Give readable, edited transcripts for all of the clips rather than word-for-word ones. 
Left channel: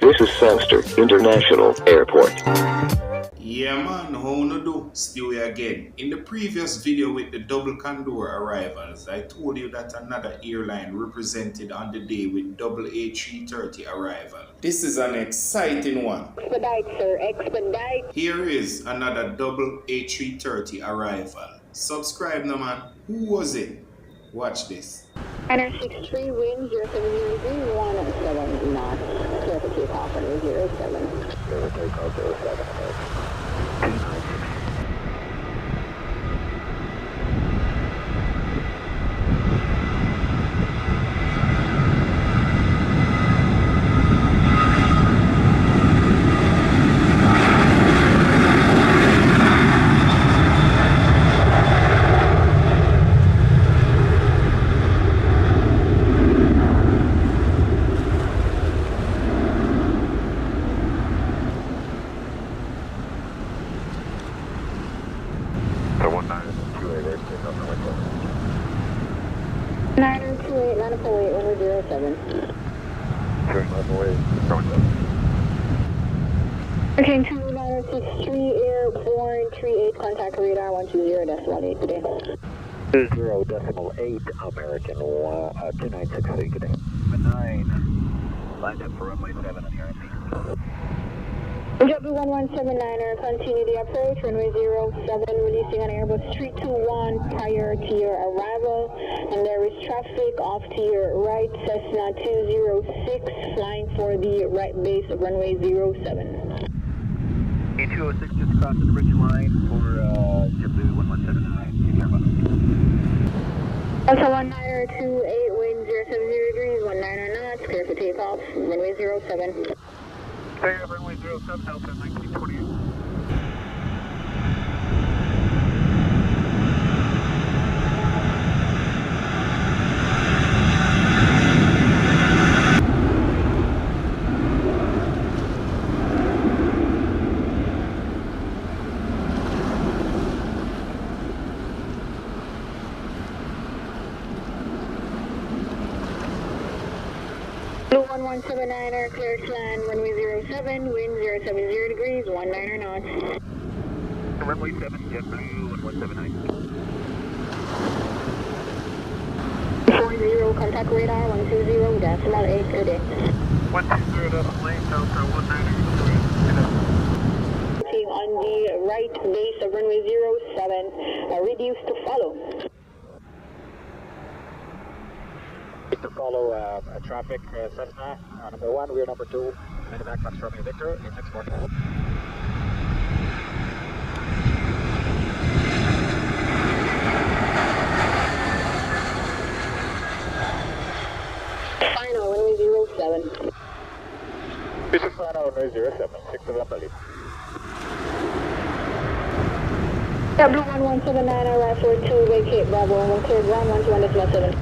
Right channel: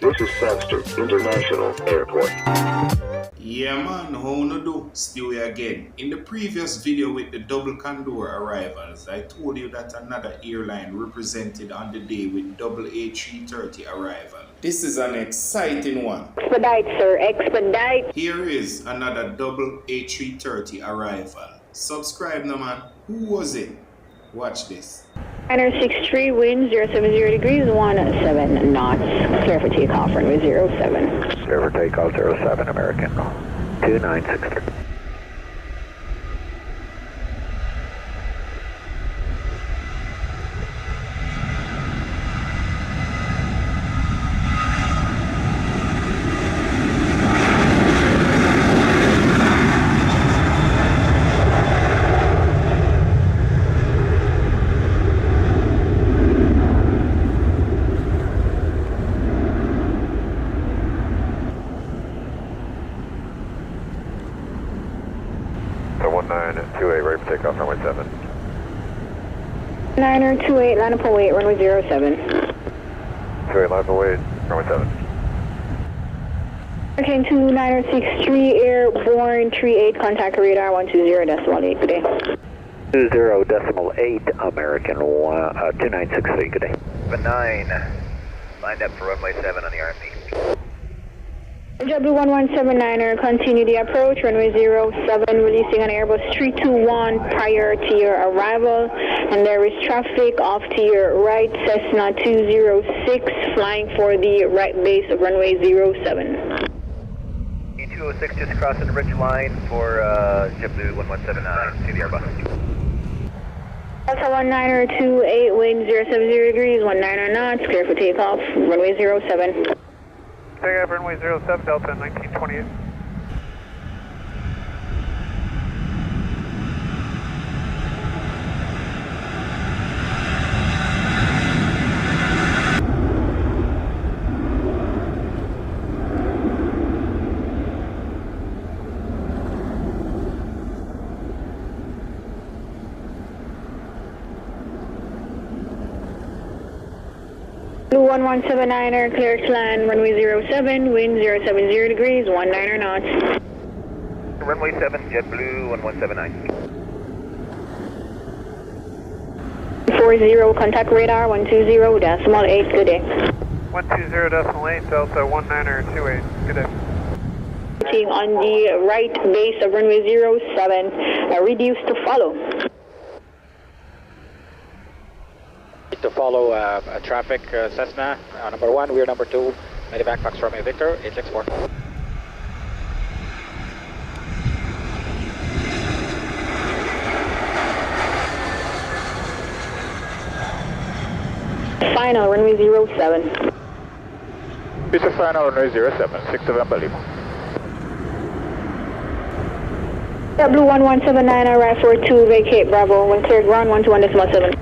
This is Frankfurt International Airport. Yeah man, how no do? Still here again. In the previous video with the double condor arrivals, I told you that another airline represented on the day with double A330 arrival. This is an exciting one. Expedite, sir, expedite. Here is another double A330 arrival. Subscribe now man. Who was it? Watch this. 963, wind 070 degrees, 17 knots. Clear for takeoff, runway 07. Clear for takeoff 07, American. 2963. So 1928, ready for takeoff, runway 7. 928, line up await, runway 07. 28, line up await, runway 7. Okay, 2963, airborne 38, contact radar 120.8, good day. 20.8, American, 2963, good day. 9, lined up for runway 7 on the RMP. JetBlue 1179er, continue the approach, runway 07, releasing on Airbus 321 prior to your arrival, and there is traffic off to your right, Cessna 206, flying for the right base of runway 07. 206 just crossing the ridge line for JetBlue 1179, see the Airbus. Delta 1928, wind 070 degrees, 19 knots, clear for takeoff, runway 07. Takeoff runway 07, Delta 1928. Blue 1179er, clear to land, runway 07, wind 070 degrees, 19 knots. Runway 7, JetBlue 1179. 40, contact radar 120.8, good day. 120.8, Delta 1928, good day. On the right base of runway 07, reduce to follow. To follow traffic Cessna, number 1, we're number 2, Medivac Fox Romeo Victor, 864. Final, runway 07. This is final runway 07, 6 November Lima. JetBlue 1179, arrive for 2, vacate Bravo, when cleared ground 121.7.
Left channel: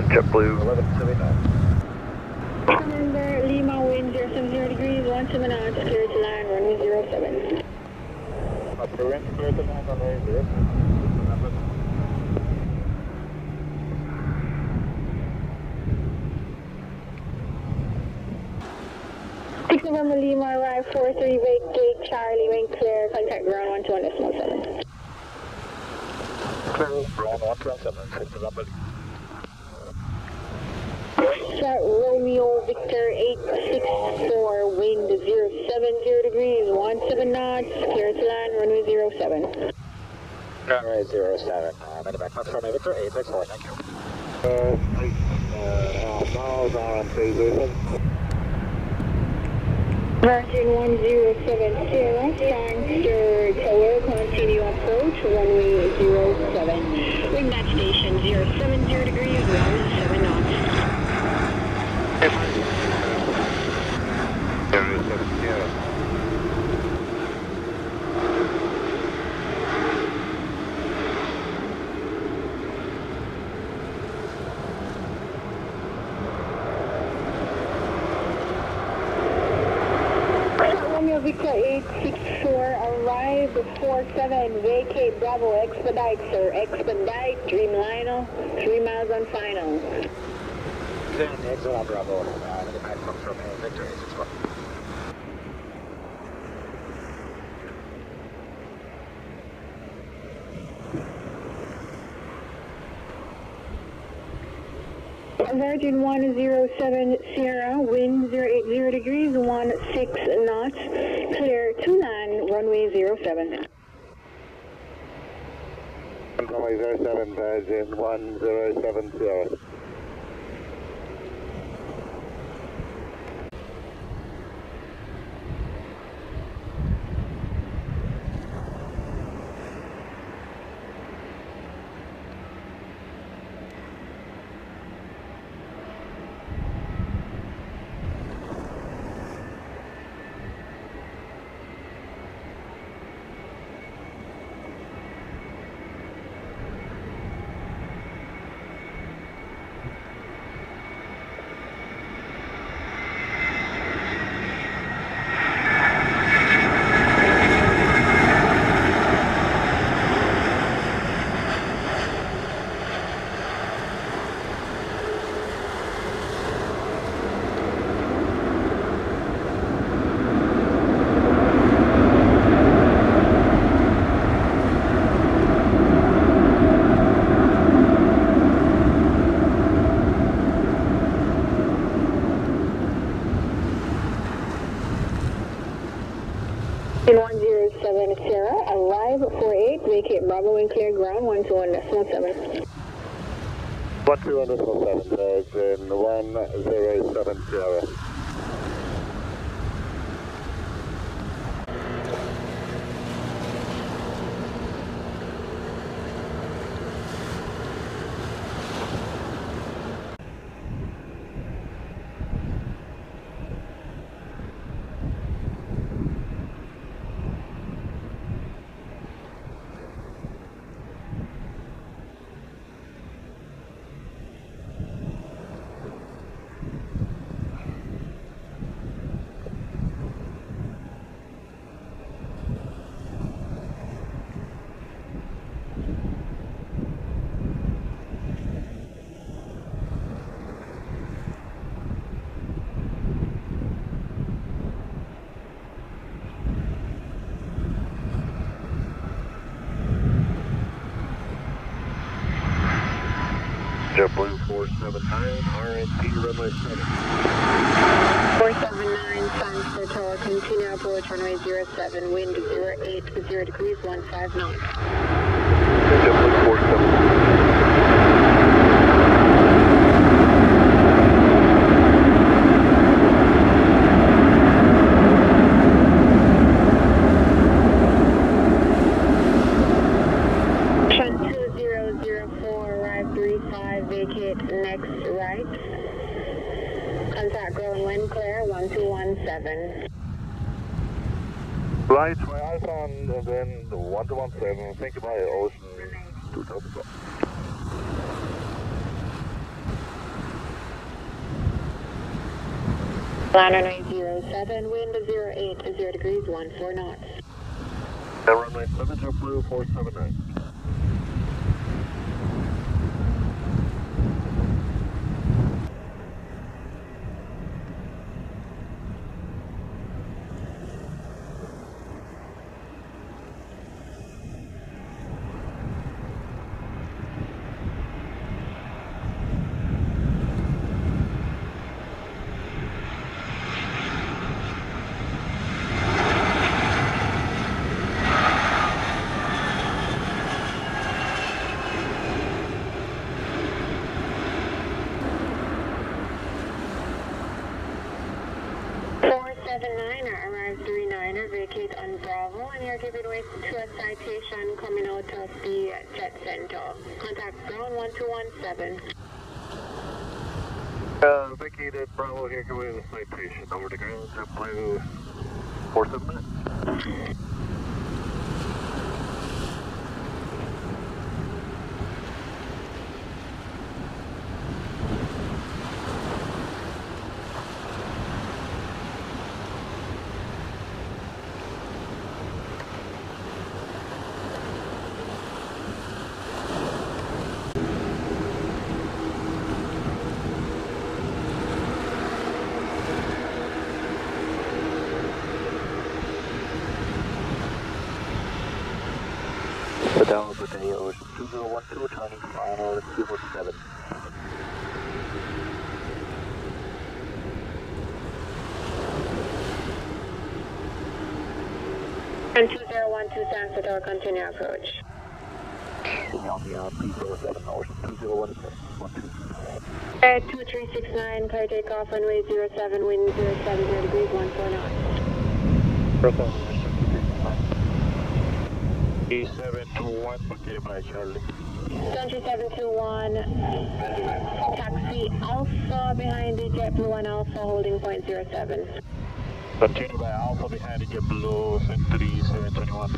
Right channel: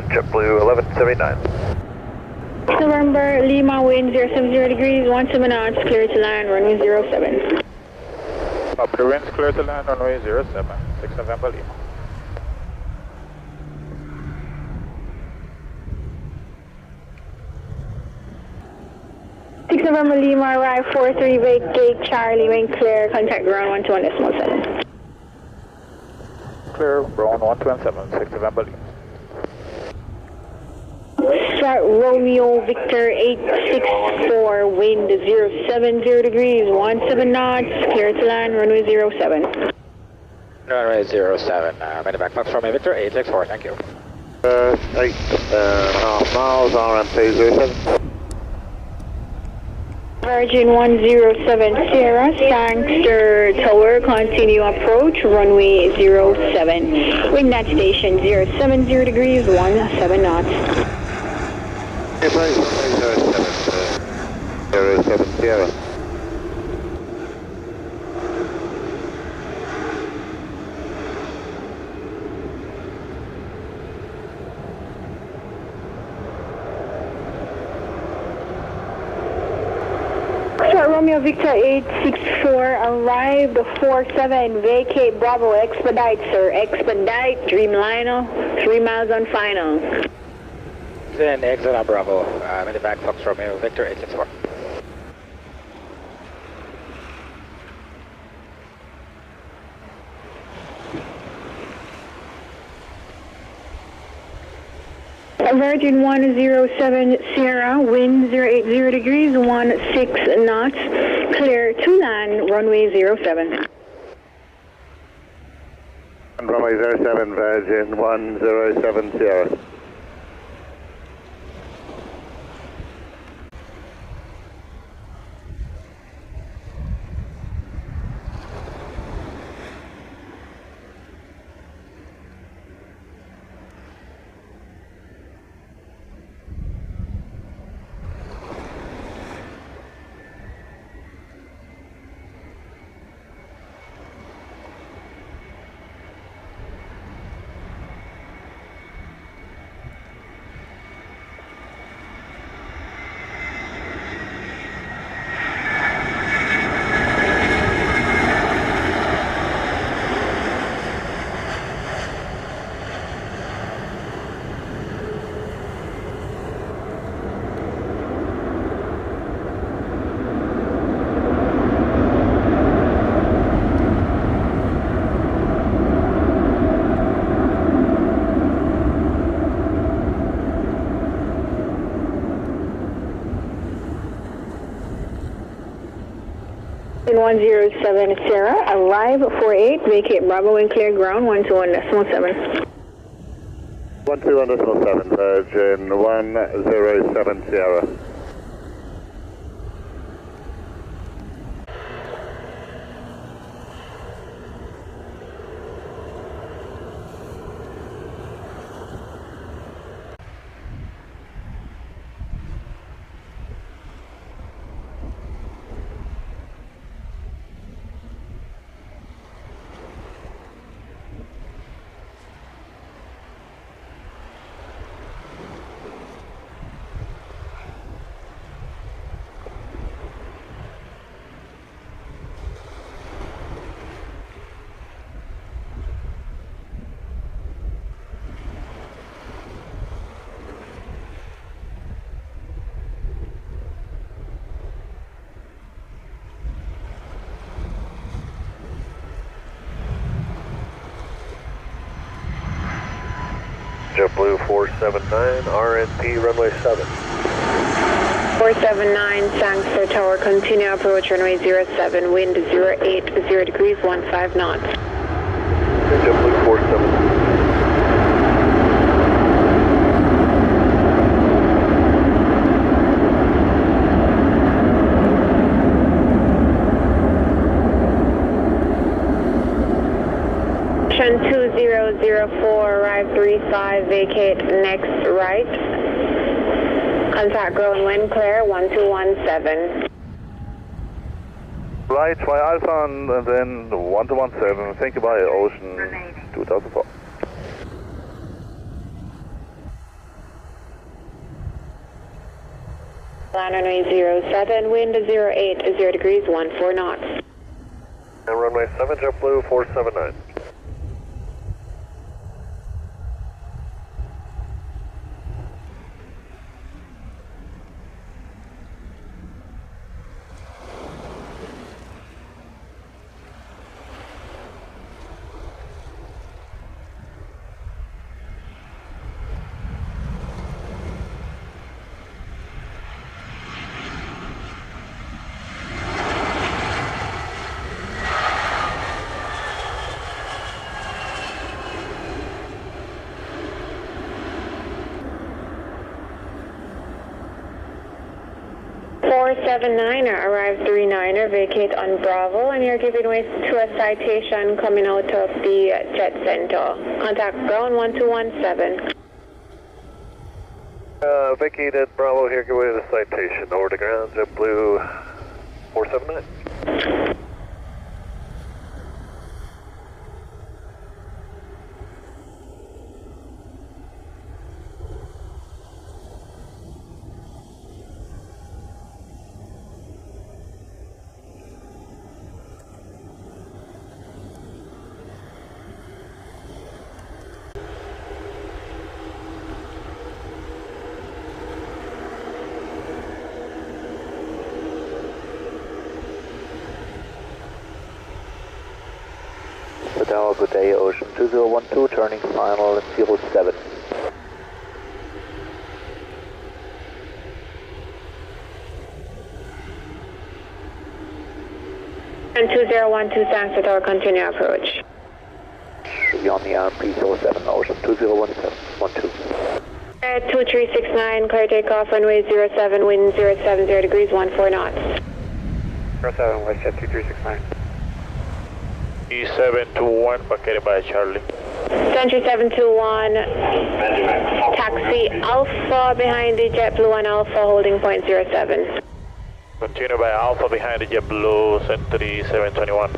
JetBlue 1179. November, Lima, wind 070 degrees, 17 knots, clear to land, runway 07. Up the winds, clear to land, runway 07, 6 November Lima. November, Lima, arrive 43, vacate Charlie, when clear, contact ground 121.7. Clear, ground 127, 6 November Lima. Start Romeo Victor 864, wind 070 degrees, 17 knots, clear to land, runway 07. Runway 07, Medivac Fox Romeo Victor, 864, thank you. 8.5 miles on runway 07. Virgin 107 Sierra, Sangster Tower, continue approach, runway 07. Wind at station 070 degrees, 17 knots. 07 Sierra. Romeo Victor 864, arrive the 47, vacate Bravo, expedite sir, expedite, Dreamliner, 3 miles on final. Then exit on Bravo, Medivac Fox Romeo Victor 864. Virgin 107 Sierra, wind 080 degrees, 16 knots, clear to land, runway 07. Runway 07, Virgin 107 Sierra. In 107 Sierra, arrive 48, vacate Bravo and clear ground 121.7. 121.7, Virgin 107 Sierra. JetBlue 479, RNP runway 7. 479, Sangster Tower, continue approach runway 07, wind 080 degrees, 15 knots. JetBlue 479. Ocean 2004, arrive 35, vacate next right. Contact ground wind clear 1217. Right, Y Alpha and then 1217, think about it, Ocean 2004. Land runway 07, wind 080 degrees, 14 knots. And runway 7, JetBlue 479. Niner, arrive 39er, vacate on Bravo, and you're giving way to a citation coming out of the jet center. Contact ground 1217. Vacated Bravo here, give way to the citation. Over to ground, JetBlue 479. Hotel, good day, Ocean 2012, turning final 07. And 2012, thanks for our continue approach. Should be on the RP 07, Ocean 2012. 2369, clear takeoff, runway 07, wind 070 degrees, 14 knots. 07, WestJet 2369. E721, located by Charlie. Century 721, taxi Alpha behind the JetBlue and Alpha holding point 07. Continue by Alpha behind the JetBlue, Century 721.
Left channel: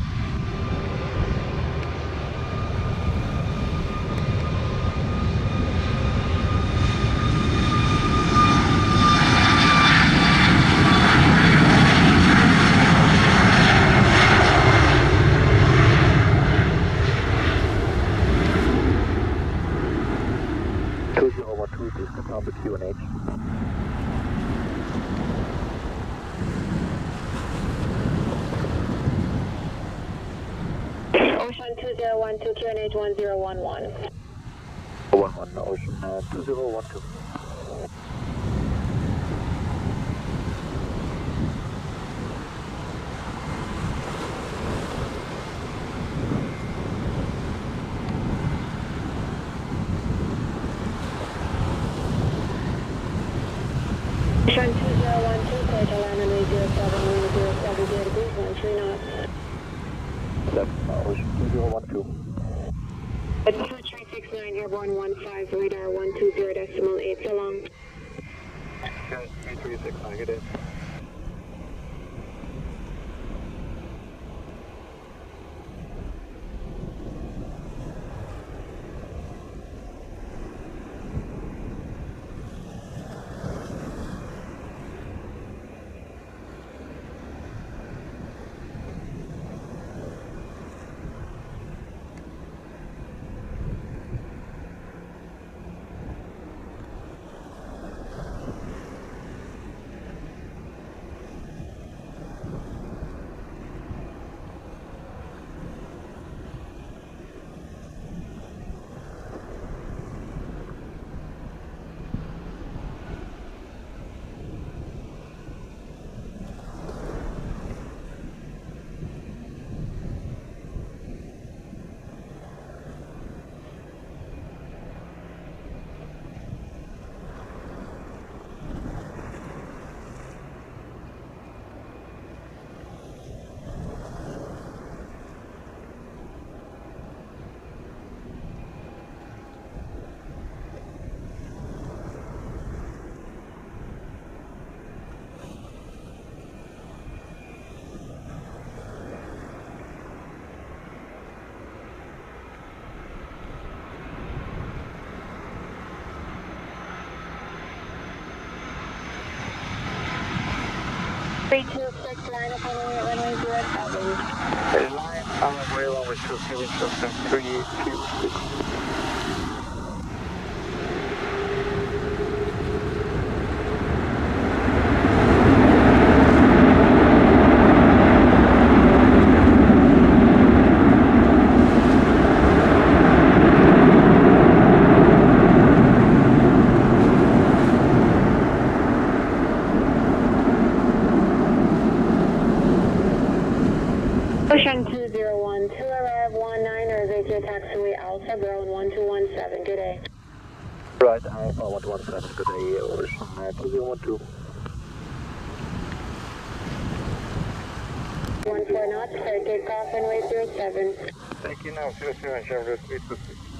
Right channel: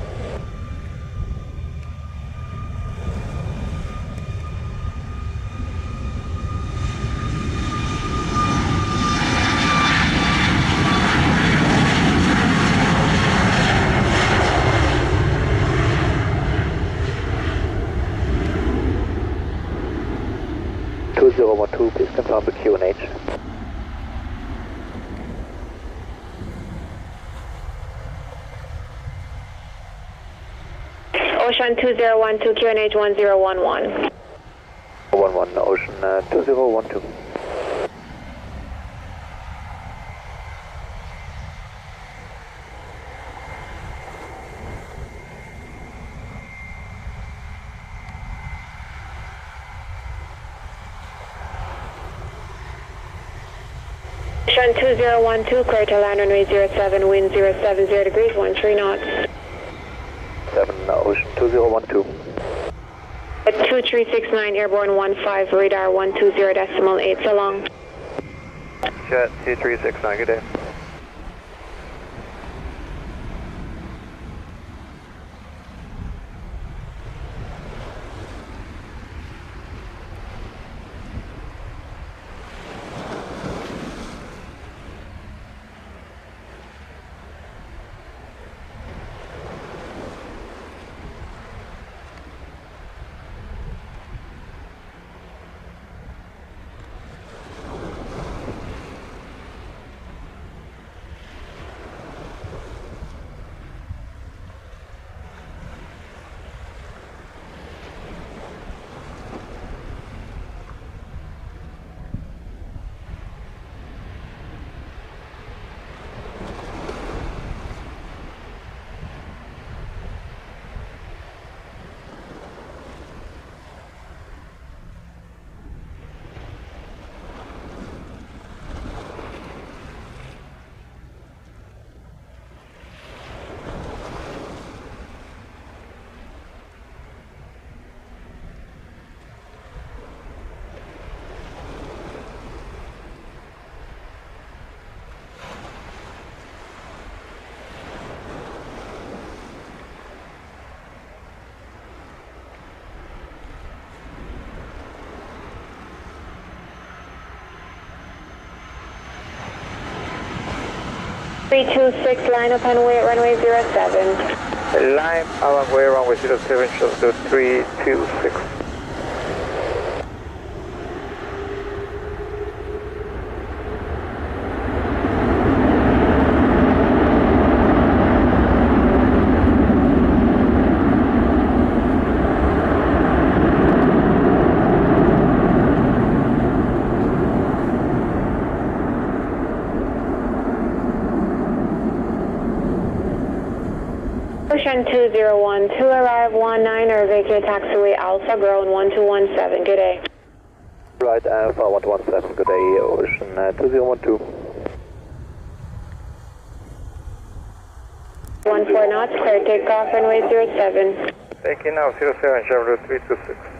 Please confirm the QNH. Ocean 2012, QNH 1011. 11, Ocean 2012. Ocean 2012, clear to land runway 07, wind 070 degrees, 13 knots. 7, Ocean 2012. 2369, airborne 15, radar 120.8, so long. Jet 2369, good day. Three two six, line up and wait, runway 07. Line up and wait, runway 07, shows to 326. Ocean 2012, arrive 19 or vacate taxiway Alpha, ground 1217, good day. Right, Alpha 117, good day, Ocean 2012. 14 knots, clear takeoff, runway 07. Taking now 07, Chevrolet 326.